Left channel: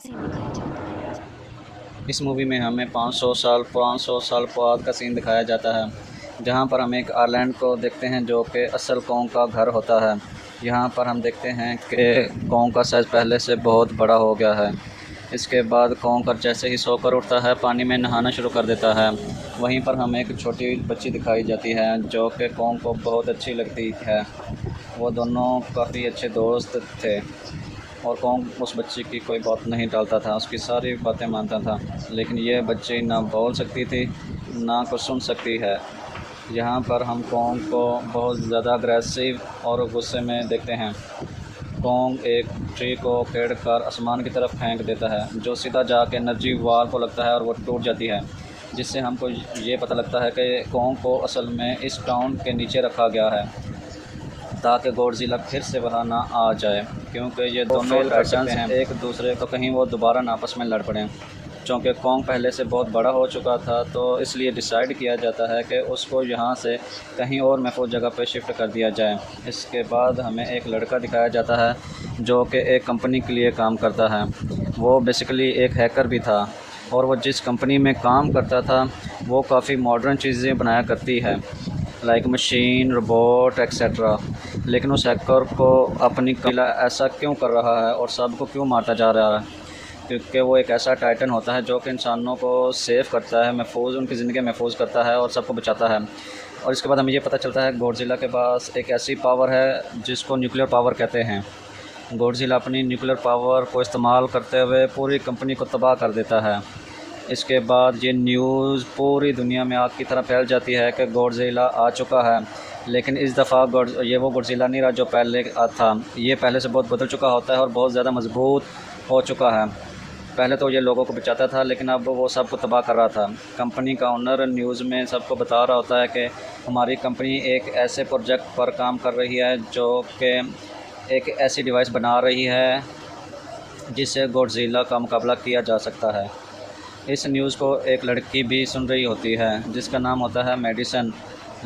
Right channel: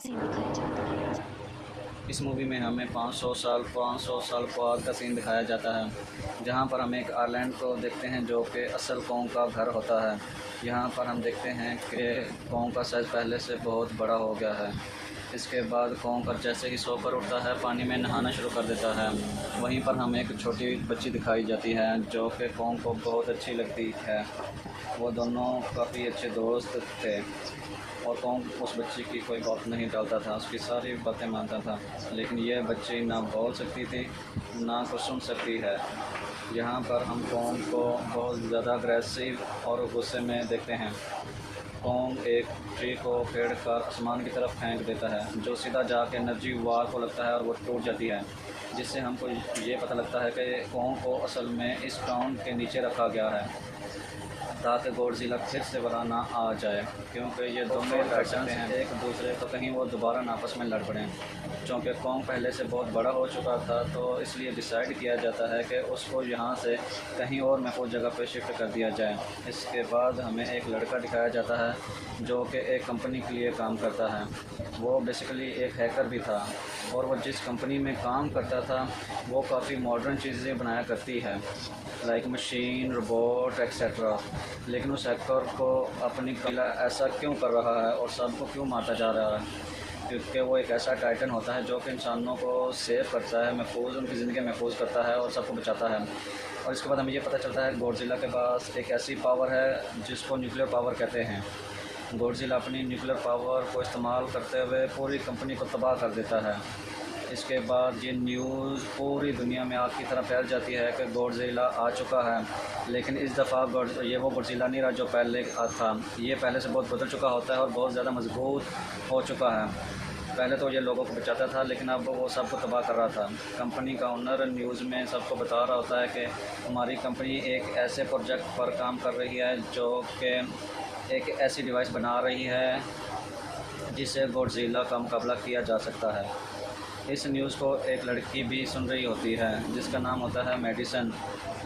Scene दिखाया जाता है। इस मूवी में हमें 500 साल बाद का सीन दिखाया जाता है, जहाँ पर हम एक आइलैंड को देखते हैं जो कि असल कॉन्ग का घर होता है। यहाँ पर हम देखते हैं कि कॉन्ग का साइज़ पहले से बहुत बड़ा हो गया है। इसके बाद कॉन्कर जैसे ही सोकर उठता है पानी में नहाना शुरू कर देता है। वहीं पर हमें एक छोटी बच्ची दिखाई जाती है जो कि कॉन्ग को बहुत अच्छी लगती है। वो दोनों काफ़ी अच्छे दोस्त थे और कौन उस बच्ची की कोई बात नहीं टालता था, उसकी सारी बातें मानता था। लेकिन ये बच्ची ना बोल सकती थी, ना कुछ सुन सकती है। यहाँ पर हम कौन को बहुत ज़्यादा अग्रेसिव और गुस्से में देखते हैं। कौन एक ट्री को फेंक कर आसमान की तरफ फेंक देता है, जो सीधा जाके एनर्जी वाल को लगता है और वो टूट जाती है, जिससे हमको ये पता लगता है कि कौन को असल में इस टाउन के नीचे रखा गया है ताकि गॉडज़िला फिर से वहाँ ना आ जाए, क्योंकि ये दोनों टाइटन्स हैं एक दूसरे को कहीं वो दोबारा ना आपस में लड़ पड़ें। चूँकि कॉन्ग पहले से बहुत बड़ा हो चुका था तो इसलिए डिसाइड किया जाता है कि उसको यहाँ से कहीं और महफूज जगह पे शिफ्ट कर दिया जाए। इसके बाद हमें एक लड़का दिखाया जाता है जो कि एक कंपनी के लिए काम करता है। वो बेसिकली एक हैकर भी था और वो जिस कंपनी में काम करता था वो काफ़ी मॉडर्न चीज़ें बनाया करती है, लाइक मशीन, रोबोट एक्सेट्रा। लेकिन उस हैकर को अपनी कला ऐसा क्यों कर रहा है और सबको क्यों मारता जा रहा है? क्योंकि वो एक ऐसा टाइटन होता है जो कि इंसानों को सेव करता है, महफूज उनकी ज़िंदगी महफूज करता है और सबको बचाता है। और इसके बाद हमें ये पता चलता है गॉडज़िला के पास एक ऐसी पावर है जिसको न्यूक्लियर पावर कहते हैं। गॉडज़िला अपनी न्यूक्लियर पावर को इस्तेमाल करते हुए पूरी कंपनी को तबाह कर देता है। इसके बाद ये न्यूज़ पूरी दुनिया में आग की तरह फैल जाती है कि गॉडज़िला आ चुका है। लेकिन इस दफ़ा ये वो गॉडज़िला नहीं रहा जो पहले था। ये पहले से बहुत बदल चुका होता है और बहुत ज़्यादा मजबूत हो चुका है। पहले तो ये लोगों को बचाता था लेकिन अब वो सबको तबाह कर रहा था। कंपनी का ओनर न्यूज़ में सबको बता रहा होता है कि हमारी कंपनी एक ऐसे प्रोजेक्ट पर काम कर रही है जो कि एक ऐसी डिवाइस बना रही है जिससे गॉडज़िला का मुकाबला किया जा सकता है। इस न्यूज़ को एक लड़की भी सुन रही होती है जिसका नाम होता है मेडिसन।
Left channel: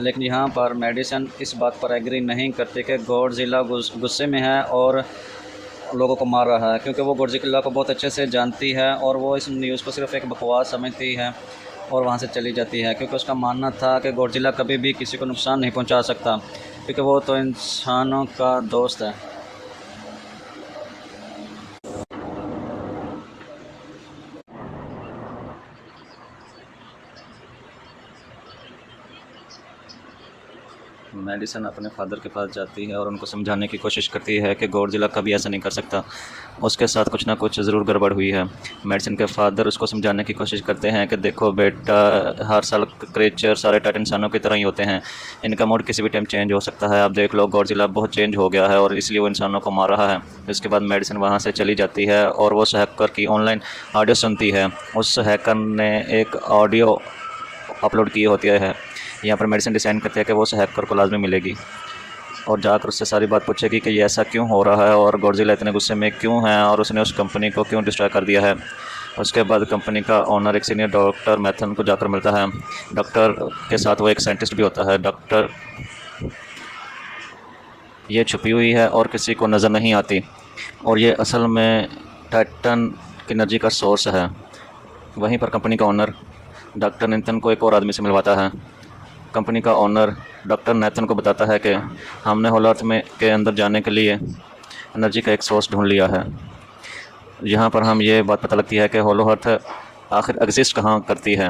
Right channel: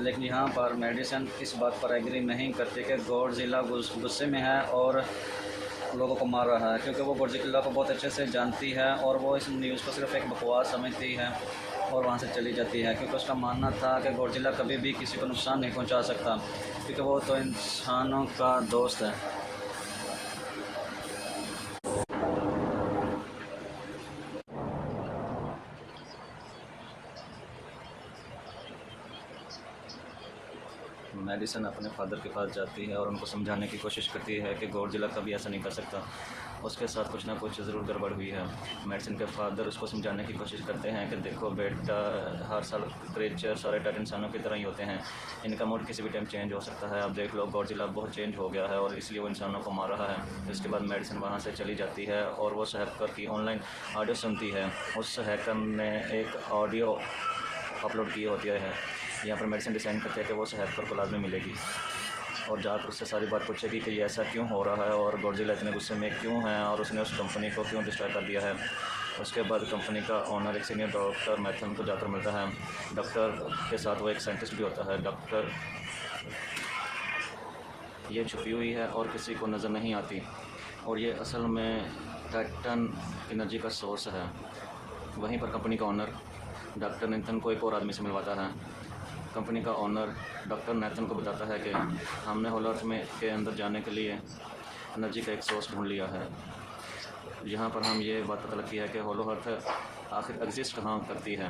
लेकिन यहाँ पर मेडिसन इस बात पर एग्री नहीं करती कि गॉडज़िला गुस्से में है और लोगों को मार रहा है, क्योंकि वो गॉडज़िला को बहुत अच्छे से जानती है और वो इस न्यूज़ को सिर्फ एक बकवास समझती है और वहाँ से चली जाती है, क्योंकि उसका मानना था कि गॉडज़िला कभी भी किसी को नुकसान नहीं पहुँचा सकता, क्योंकि वो तो इंसानों का दोस्त है। मेडिसन अपने फादर के पास जाती है और उनको समझाने की कोशिश करती है कि गॉडज़िला कभी ऐसा नहीं कर सकता, उसके साथ कुछ ना कुछ ज़रूर गड़बड़ हुई है। मेडिसन के फादर उसको समझाने की कोशिश करते हैं कि देखो बेटा, हर साल क्रिएचर सारे टाइटन इंसानों की तरह ही होते हैं, इनका मूड किसी भी टाइम चेंज हो सकता है। आप देख लो गॉडज़िला बहुत चेंज हो गया है और इसलिए वो इंसानों को मार रहा है। इसके बाद मेडिसन वहाँ से चली जाती है और वो उस हैकर की ऑनलाइन ऑडियो सुनती है। उस हैकर ने एक ऑडियो अपलोड की होती है। यहाँ पर मेडिसिन डिसाइड करते हैं कि वो उस हैकर को लाजमी मिलेगी और जाकर उससे सारी बात पूछेगी कि ये ऐसा क्यों हो रहा है और गॉडज़िला इतने गुस्से में क्यों है और उसने उस कंपनी को क्यों डिस्ट्रॉय कर दिया है। उसके बाद कंपनी का ओनर एक सीनियर डॉक्टर मैथन को जाकर मिलता है। डॉक्टर के साथ वो एक साइंटिस्ट भी होता है। डॉक्टर ये छुपी हुई है और किसी को नज़र नहीं आती और ये असल में टाइटन की एनर्जी का सोर्स है। वहीं पर कंपनी का ओनर डॉक्टर नेथन को एक और आदमी से मिलवाता है। कंपनी का ओनर डॉक्टर नेथन को बताता है कि हमने होलो अर्थ में के अंदर जाने के लिए एनर्जी का एक सोर्स ढूंढ लिया है। यहाँ पर हम ये बात पता लगती है कि होलो अर्थ आखिर एग्जिस्ट कहाँ करती है।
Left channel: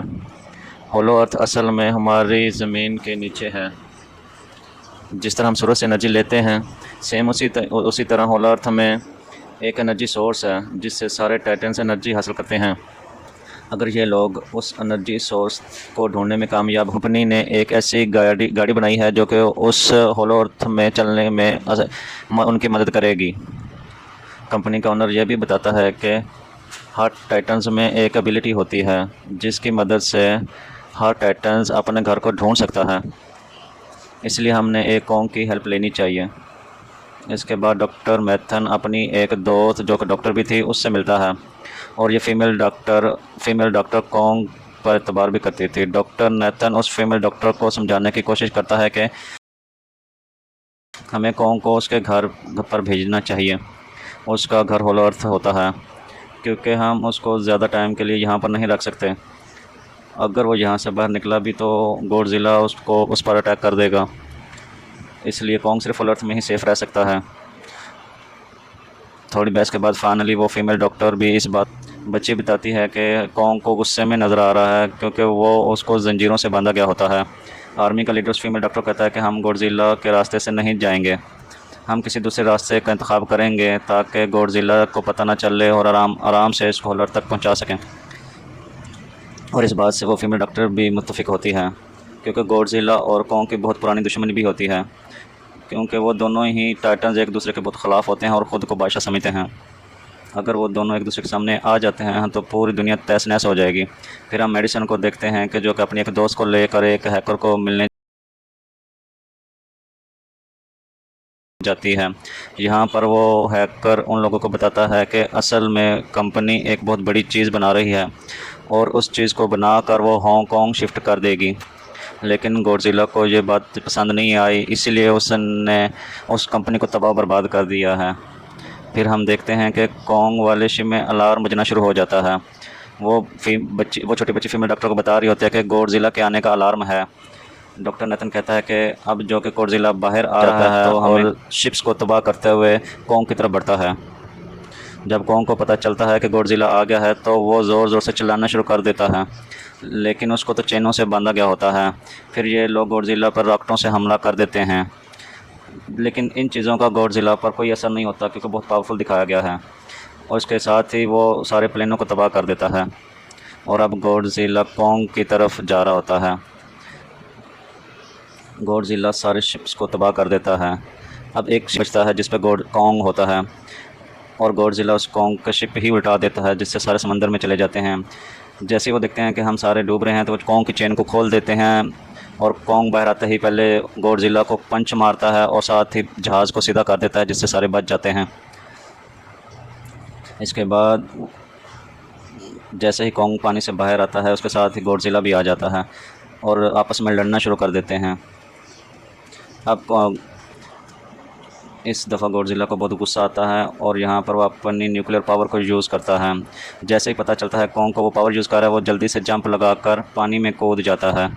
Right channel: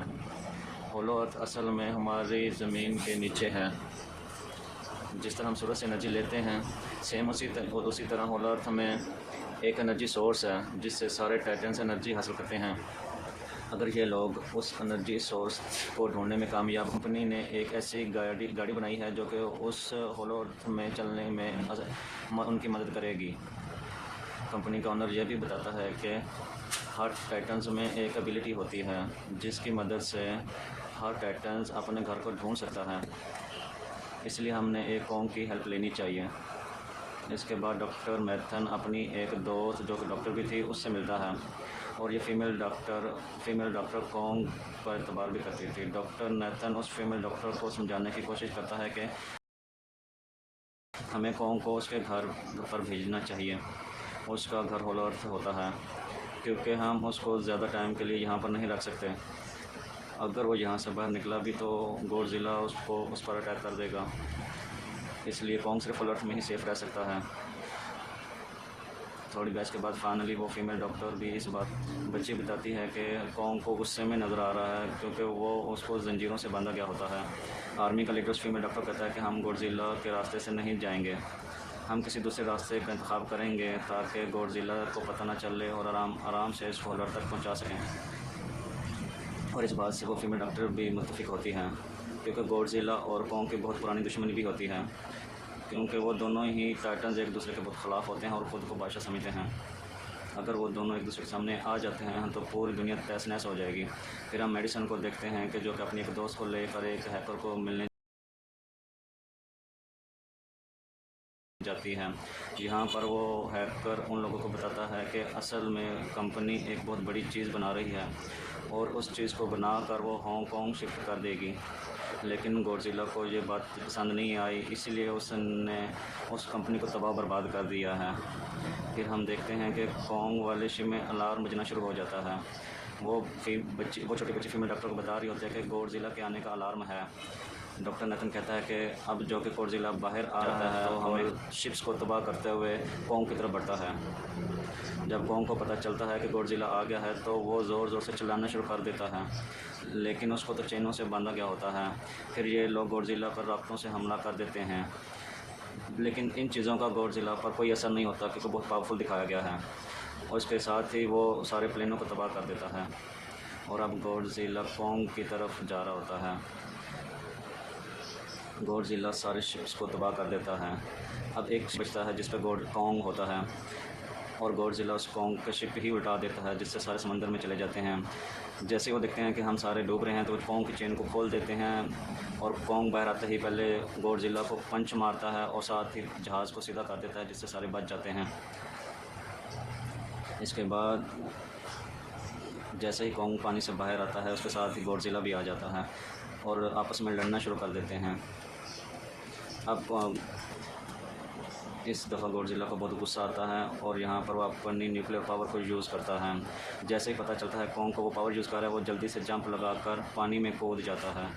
होलो अर्थ असल में हमारी ज़मीन के नीचे है। जिस तरह हम सूरज से एनर्जी लेते हैं, सेम उसी तरह होलो अर्थ में एक एनर्जी सोर्स है जिससे सारे टाइटन्स एनर्जी हासिल करते हैं। अगर ये लोग उस एनर्जी सोर्स को ढूंढने में कामयाब, कंपनी ने एक ऐसी गाड़ी बनाई है जो कि उस होलो अर्थ में चलने में उनकी मदद करेगी। कंपनी का ओनर यह भी बताता है कि हर टाइटन्स में एक एबिलिटी होती है जिसकी मदद से हर टाइटन्स अपने घर को ढूंढ सकता है, इसलिए हमने एक कॉन्ग की हेल्प लेनी चाहिए। इसके बाद डॉक्टर मैथन अपनी एक दोस्त जो कि डॉक्टर भी थी उससे मिलता है और ये फीमेल डॉक्टर कॉन्ग पर एतबार भी करती थी। डॉक्टर नेथन उस फीमेल डॉक्टर को समझाने की कोशिश करता है कि हमें कॉन्ग को उसके घर पर भेजना चाहिए। उसका घर होलो अर्थ होता है। क्योंकि हम उसको ज़्यादा टाइम के लिए यहाँ पर नहीं रख सकते। अगर वो यहाँ से बाहर निकला भी तो गॉडज़िला उसको उस पर अटैक कर देगा, इसलिए कॉन्ग सिर्फ फुल अर्थ में ही सेफ़ रह सकता है। थोड़ी बहस के बाद फाइनली वो फीमेल डॉक्टर भी इस बात बच्ची बताती है कि कॉन्ग को गुस्से में नज़र आ रहा है क्योंकि वो उसको ज़ंजीरों से बांधा गया होता है। आर्मी का लीडर उस फीमेल डॉक्टर कहता है कि हम गॉडज़िला के रास्ते से नहीं जाएंगे, हम किसी दूसरे रास्ते का इंतखाब करेंगे ताकि गॉडज़िला को पता ना चले और आराम आराम से इसको होलर तक पहुंचा सकें। और इस बात से वो फीमेल डॉक्टर भी मुत्तफ़िक होती है क्योंकि गॉडज़िला और कॉन्ग की बहुत पुरानी दुश्मनी भी होती है, क्योंकि वो दोनों ही टाइटन्स एक दूसरे के बहुत ख़िलाफ़ होते हैं और ख़ुद को बादशाह समझते हैं। अगर वो दोनों एक दूसरे के सामने आ जाते हैं तो पूरी दुनिया तहस नहस हो जाएगी। फिर हम मेडिसन को देखते हैं कि जो कि अपनी एक दोस्त को लेकर एक हैकर को मिलने जाती है। यहाँ पर वो हैकर उन लोगों को बताता है कि असल में कंपनी एक बहुत बड़ी चीज़ बना रही है और उस चीज़ को बनाकर वो हांगकांग शिफ्ट कर देगी। लेकिन गॉडज़िला को ये बात पसंद नहीं आई, इसीलिए उसने उस कंपनी को तबाह बर्बाद कर दिया है। फिर हम देखते हैं कि कॉन्ग वाले शिप में अलार्म बजना शुरू हो जाता है। वो छोटी बच्ची फीमेल डॉक्टर को बता रही होती है कि गॉडज़िला के आने का अलार्म है। डॉक्टर नेथन कहता है कि अब जो कि गॉडज़िला बाहर आ रहा है तो और शिप्स को तबाह करते हुए कॉन्ग की तरफ बढ़ता है। जब कॉन्ग को पता चलता है कि गॉडज़िला आ गया है तो वो ज़ोर ज़ोर से चिल्लाना शुरू कर देता है, लेकिन उसको तो चेनों से बांधा गया होता है। फिर ये लोग गॉडज़िला पर रॉकेटों से हमला कर देते हैं, लेकिन इन चीज़ों का गॉडज़िला पर कोई असर नहीं होता क्योंकि बहुत पावरफुल दिखाया गया है और इसके साथ ही वो सारे प्लेनों को तबाह कर देता है। और अब गॉडज़िला कॉन्ग की तरफ जा रहा होता है। गॉडज़िला सारे शिप्स को तबाह कर देता है। अब एक शिप बचता है जिस पे कॉन्ग होता है और गॉडज़िला उस कॉन्ग का शिप ही उल्टा देता है, जिससे सारे समंदर में चले जाते हैं। जैसे ही वो देखते हैं कि हम सारे डूब रहे हैं तो वो कॉन्ग की चेन को खोल देते हैं और कॉन्ग बाहर आते ही पहले गॉडज़िला को पंच मारता है और साथ ही जहाज़ को सीधा कर देता है, जिससे सारे बच जाते हैं। इसके बाद जैसे ही कॉन्ग पानी से बाहर आता है उसके साथ ही गॉडज़िला भी आ जाता है और आपस में लड़ना शुरू कर देते हैं। अब इस दफ़ा गॉडज़िला को बहुत गुस्सा आता है और यहाँ पर वो अपनी न्यूक्लियर पावर को यूज़ करता है। जैसे ही पता चलता है कॉन्ग को वो पावर यूज़ कर रहा है, वो जल्दी से जंप लगाकर पानी में कूद जाता है।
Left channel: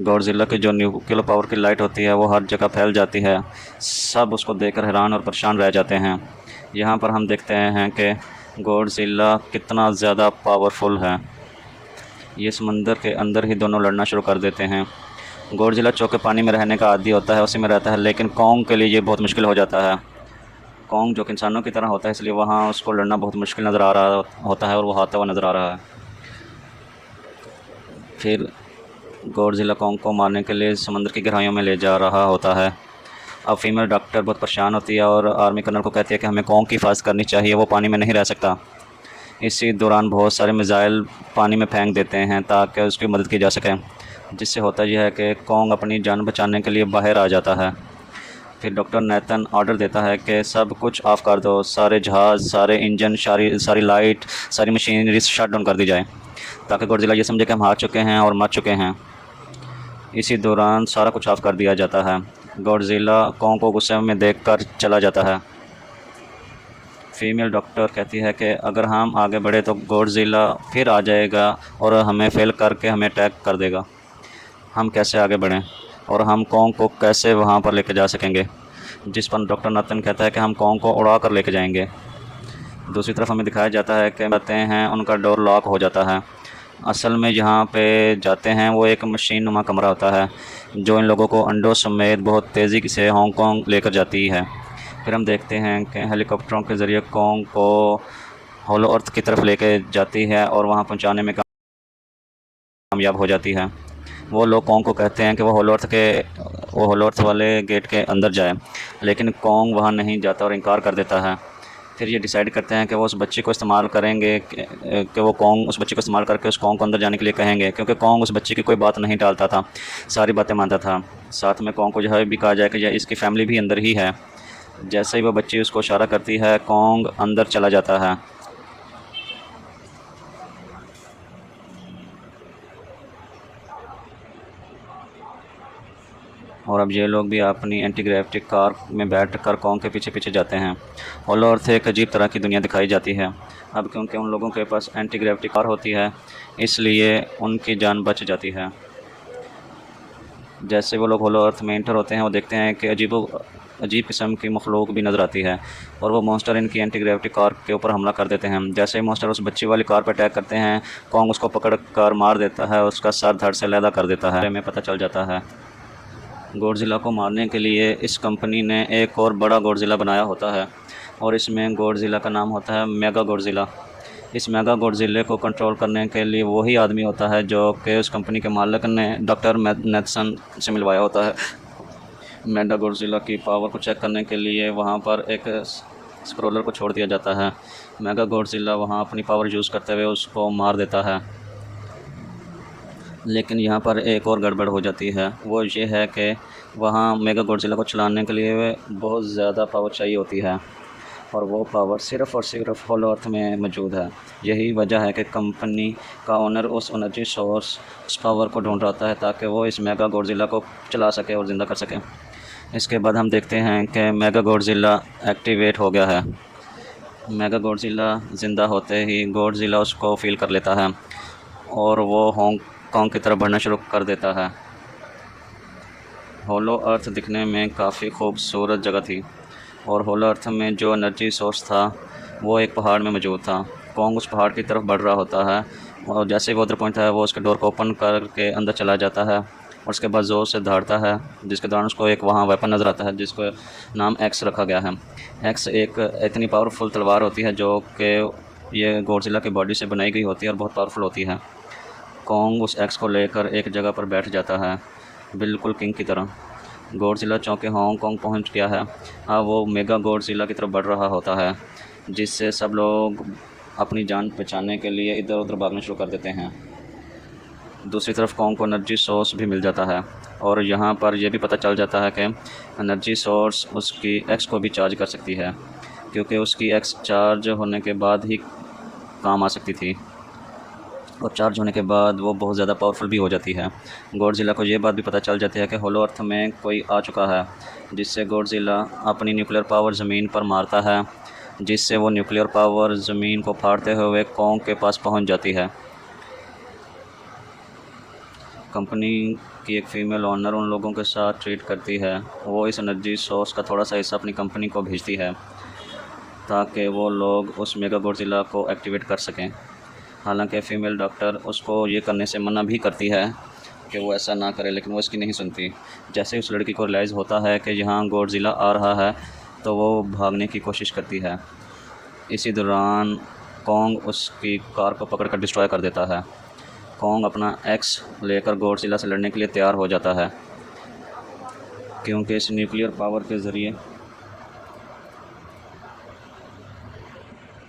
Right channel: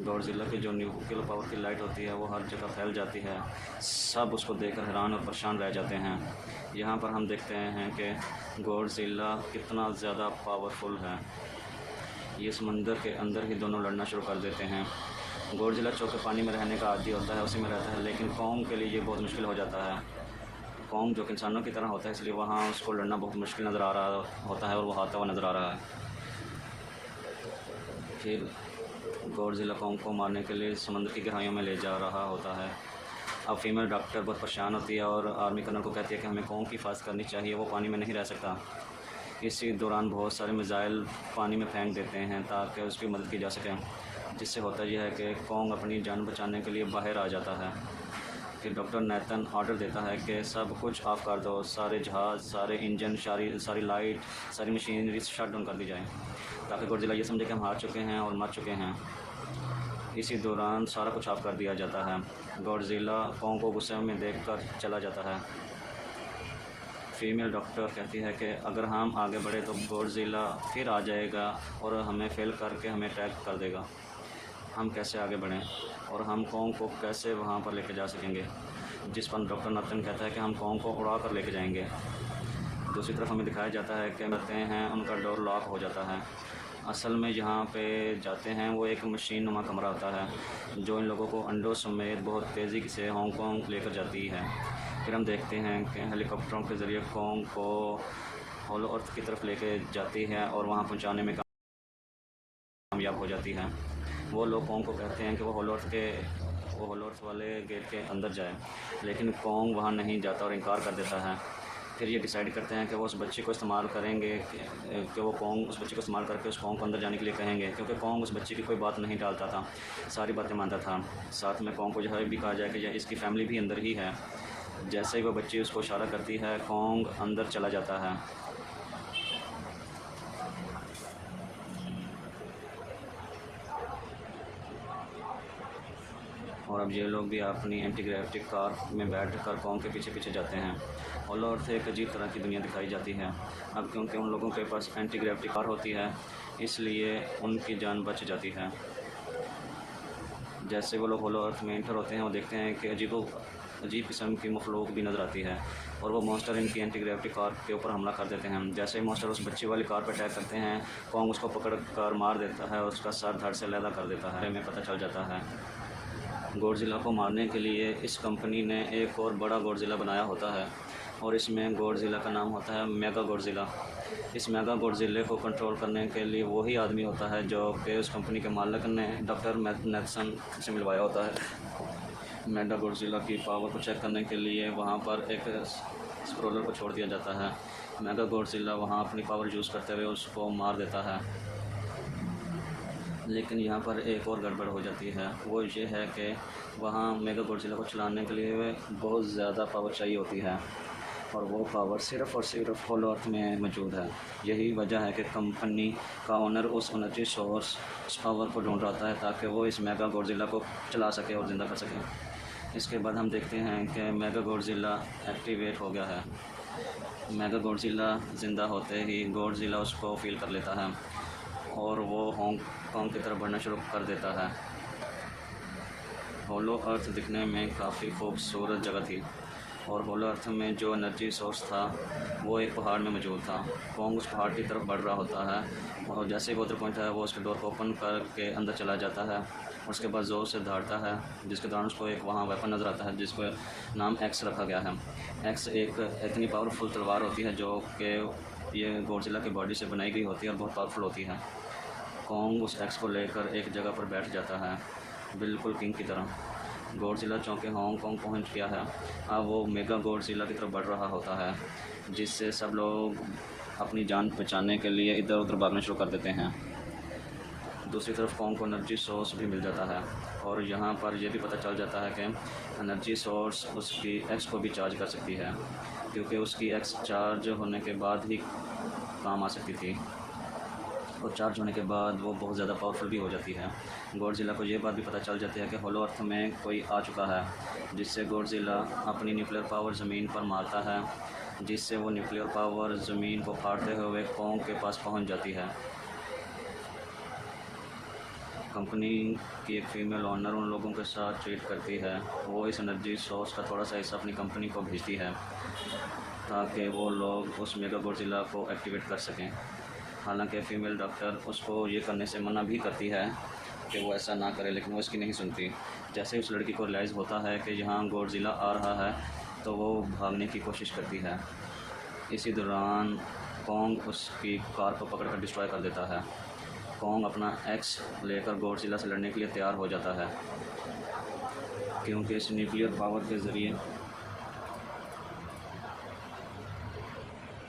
गॉडज़िला की जो न्यूक्लियर पावर की लाइट होती है वो हर जगह फैल जाती है। सब उसको देखकर हैरान और परेशान रह जाते हैं। यहाँ पर हम देखते हैं कि गॉडज़िला कितना ज़्यादा पावरफुल है। ये समंदर के अंदर ही दोनों लड़ना शुरू कर देते हैं। गॉडज़िला चौके पानी में रहने का आदी होता है, उसी में रहता है, लेकिन कॉन्ग के लिए ये बहुत मुश्किल हो जाता है। कॉन्ग जो कि इंसानों की तरह होता है, इसलिए वहाँ उसको लड़ना बहुत मुश्किल नज़र आ रहा होता है और वो हारता हुआ नज़र आ रहा है। फिर गॉडज़िला कॉन्ग को मारने के लिए समंदर की गहराइयों में ले जा रहा होता है। अब फीमेल डॉक्टर बहुत परेशान होती है और आर्मी कर्नल को कहती है कि हमें कॉन्ग की हिफाज़त करनी चाहिए, वो पानी में नहीं रह सकता। इसी दौरान बहुत सारे मिज़ाइल पानी में फेंक देते हैं ताकि उसकी मदद की जा सके, जिससे होता यह है कि कॉन्ग अपनी जान बचाने के लिए बाहर आ जाता है। फिर डॉक्टर नेथन ऑर्डर देता है कि सब कुछ ऑफ़ कर दो, सारे जहाज़, सारे इंजन, सारी लाइट, सारी मशीनरी शट डाउन कर दी जाए, ताकि गॉडज़िला ये समझे कि हम हार चुके हैं और मर चुके हैं। इसी दौरान सारा कुछ ऑफ़ कर दिया जाता है। गॉडज़िला कॉन्ग को गुस्से में देखकर चला जाता है। फीमेल डॉक्टर कहती है कि अगर हम आगे बढ़े तो गॉडज़िला फिर आ जाएगा और हमें फेल करके हमें अटैक कर देगा। हम कैसे आगे बढ़ें और हम कॉन्ग को कैसे वहाँ पर लेके जा सकेंगे? जिस पर डॉक्टर नतन कहता है कि हम कॉन्ग को उड़ा कर लेके जाएंगे। दूसरी तरफ हमें दिखाया जाता है कि जाते हैं उनका डोर लॉक हो जाता है। असल में जहाँ पे जाते हैं वो एक मशीन नुमा कमरा होता है जो इन लोगों को अंडों समेत बहुत तेज़ी से हांगकांग लेकर जाती है। फिर हम देखते हैं कि हेलीकॉप्टरों के ज़रिए कॉन्ग को होलो अर्थ की तरफ लेके जाती है और वहाँ पहुँचाने में कामयाब हो जाती है। वो लोग कॉन्ग को कहते हैं कि वो होलो अर्थ वाले गेट के अंदर जाए, लेकिन कॉन्ग वहाँ नहीं जाता और इनकार कर देता है। फिर ये डिसाइड करते हैं कि वो उस बच्चे को इस्तेमाल करेंगे कि वो कॉन्ग उस बच्चे को इस्तेमाल करके उस कॉन्ग को अंदर जाने के लिए कहेंगे, क्योंकि कॉन्ग उस बच्चे की कोई बात नहीं टालता था, सारी बातें मानता था। साथ में कॉन्ग को जो है भी कहा जाए कि इसकी फ़ैमिली भी अंदर ही है। जैसे ही वो बच्ची उसको इशारा करती है, कॉन्ग अंदर चला जाता है। और अब ये लोग भी अपनी एंटी ग्रेविटी कार में बैठ कर कॉन्ग के पीछे पीछे जाते हैं। होलो अर्थ एक अजीब तरह की दुनिया दिखाई जाती है। अब क्योंकि उन लोगों के पास एंटी ग्रेविटी कार होती है, इसलिए उनकी जान बच जाती है। जैसे वो लोग होलो अर्थ में इंटर होते हैं, वो देखते हैं कि अजीब किस्म की मखलूक भी नज़र आती है, और वो मॉन्स्टर इनकी एंटी ग्रेविटी कार के ऊपर हमला कर देते हैं। जैसे ही मॉन्स्टर उस बच्ची वाली कार पर अटैक करते हैं, कॉन्ग उसको पकड़ कर मार देता है, उसका सर धड़ से अलहदा कर देता है। हमें पता चल जाता है गॉडज़िला को मारने के लिए इस कंपनी ने एक और बड़ा गॉडज़िला बनाया होता है, और इसमें गॉडज़िला का नाम होता है मेगा गॉडज़िला। इस मेगा गॉडज़िले को कंट्रोल करने के लिए वही आदमी होता है जो कि उस कंपनी के मालिक ने डॉक्टर नेथसन से मिलवाया होता है। मेगा गॉडज़िला की पावर को चेक करने के लिए वहाँ पर एक स्क्रोलर को छोड़ दिया जाता है। मेगा गॉडज़िला वहाँ अपनी पावर यूज़ करते हुए उसको मार देता है। लेकिन यहाँ पर एक और गड़बड़ हो जाती है, वो ये है कि वहाँ मेगा गॉडज़िला को चलाने के लिए बहुत ज़्यादा पावर चाहिए होती है, और वो पावर सिर्फ़ और सिर्फ होलो अर्थ में मौजूद है। यही वजह है कि कंपनी का ओनर उस एनर्जी सोर्स उस पावर को ढूंढ रहा है ताकि वो इस मेगा गॉडज़िला को चला सके और ज़िंदा कर सके। इसके बाद हम देखते हैं कि मेगा गॉडज़िला एक्टिवेट हो गया है। मेगा गॉडज़िला ज़िंदा होते ही गॉडज़िला उसको फील कर लेता है, और वो हांगकांग की तरफ बढ़ना शुरू कर देता है। होलो अर्थ दिखने में काफ़ी खूबसूरत जगह थी, और होलो अर्थ में जो एनर्जी सोर्स था वो एक पहाड़ में मौजूद था। कॉन्ग उस पहाड़ की तरफ बढ़ रहा होता है, और जैसे वो उधर पहुंचता है, वो उसके डोर को ओपन करके अंदर चला जाता है, और उसके बाद ज़ोर से दहाड़ता है, जिसके दौरान उसको एक वहाँ वेपन नज़र आता है जिसको नाम एक्स रखा गया है। एक्स एक इतनी पावरफुल तलवार होती है जो कि ये गॉडज़िला की बॉडी से बनाई गई होती है और बहुत पावरफुल होती है। कॉन्ग उस एक्स को लेकर एक जगह पर बैठ जाता है, बिल्कुल किंग की तरह। गॉडज़िला चौंके हांगकांग पहुंच गया है। हाँ, वो मेगा गॉडज़िला की तरफ बढ़ रहा होता है, जिससे सब लोग अपनी जान बचाने के लिए इधर उधर भागना शुरू कर देते हैं। दूसरी तरफ कॉन्ग को एनर्जी सोर्स भी मिल जाता है, और यहाँ पर यह भी पता चल जाता है कि एनर्जी सोर्स उसकी एक्स को भी चार्ज कर सकती है, क्योंकि उसकी एक्स चार्ज होने के बाद ही काम आ सकती थी, और चार्ज होने के बाद वो बहुत ज़्यादा पावरफुल भी हो जाती है। गॉडज़िला को ये बात भी पता चल जाती है कि होलो अर्थ में कोई आ चुका है, जिससे गॉडज़िला अपनी न्यूक्लियर पावर ज़मीन पर मारता है, जिससे वो न्यूक्लियर पावर ज़मीन को फाड़ते हुए कॉन्ग के पास पहुंच जाती है। कंपनी की एक फ़ीमेल ओनर उन लोगों के साथ ट्रीट करती है। वो इस एनर्जी सोर्स का थोड़ा सा हिस्सा अपनी कंपनी को भेजती है ताकि वो लोग उस मेगा गॉडज़िला को एक्टिवेट कर सकें। हालांकि फ़ीमेल डॉक्टर उसको ये करने से मना भी करती है कि वो ऐसा ना करे, लेकिन वो इसकी नहीं सुनती। जैसे उस लड़की को रियलाइज़ होता है कि यहाँ गॉडज़िला आ रहा है, तो वो भागने की कोशिश करती है। इसी दौरान कॉन्ग उसकी कार को पकड़कर डिस्ट्रॉय कर देता है। कॉन्ग अपना एक्स लेकर गॉडज़िला से लड़ने के लिए तैयार हो जाता है, क्योंकि इस न्यूक्लियर पावर के ज़रिए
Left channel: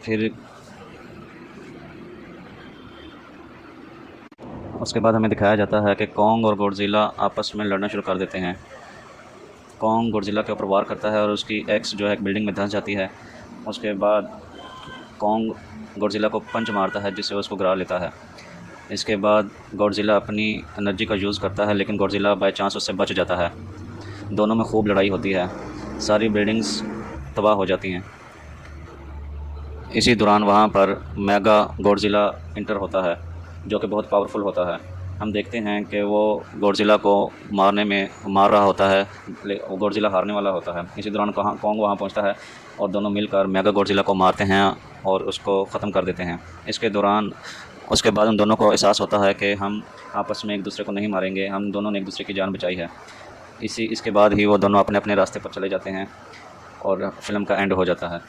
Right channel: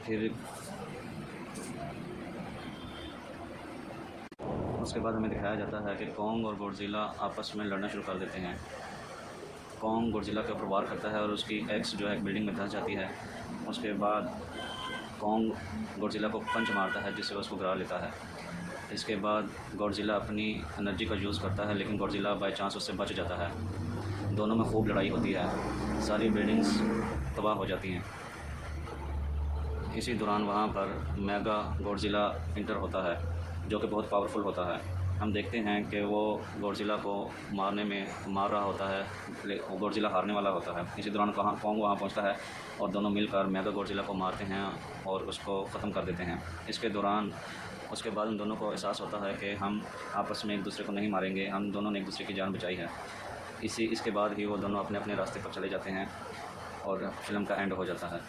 फिर उसके बाद हमें दिखाया जाता है कि कॉन्ग और गॉडज़िला आपस में लड़ना शुरू कर देते हैं। कॉन्ग गॉडज़िला के ऊपर वार करता है और उसकी एक्स जो है एक बिल्डिंग में धंस जाती है। उसके बाद कॉन्ग गॉडज़िला को पंच मारता है, जिससे उसको गिरा लेता है। इसके बाद गॉडज़िला अपनी एनर्जी का यूज़ करता है, लेकिन गॉडज़िला बाय चांस उससे बच जाता है। दोनों में खूब लड़ाई होती है, सारी बिल्डिंग्स तबाह हो जाती हैं। इसी दौरान वहाँ पर मेगा गॉडज़िला इंटर होता है, जो कि बहुत पावरफुल होता है। हम देखते हैं कि वो गॉडज़िला को मार रहा होता है, वो गॉडज़िला हारने वाला होता है। इसी दौरान कॉन्ग वहाँ पहुँचता है, और दोनों मिलकर मेगा गॉडज़िला को मारते हैं और उसको ख़त्म कर देते हैं। उसके बाद उन दोनों को एहसास होता है कि हम आपस में एक दूसरे को नहीं मारेंगे, हम दोनों ने एक दूसरे की जान बचाई है। इसके बाद ही वो दोनों अपने अपने रास्ते पर चले जाते हैं, और फ़िल्म का एंड हो जाता है।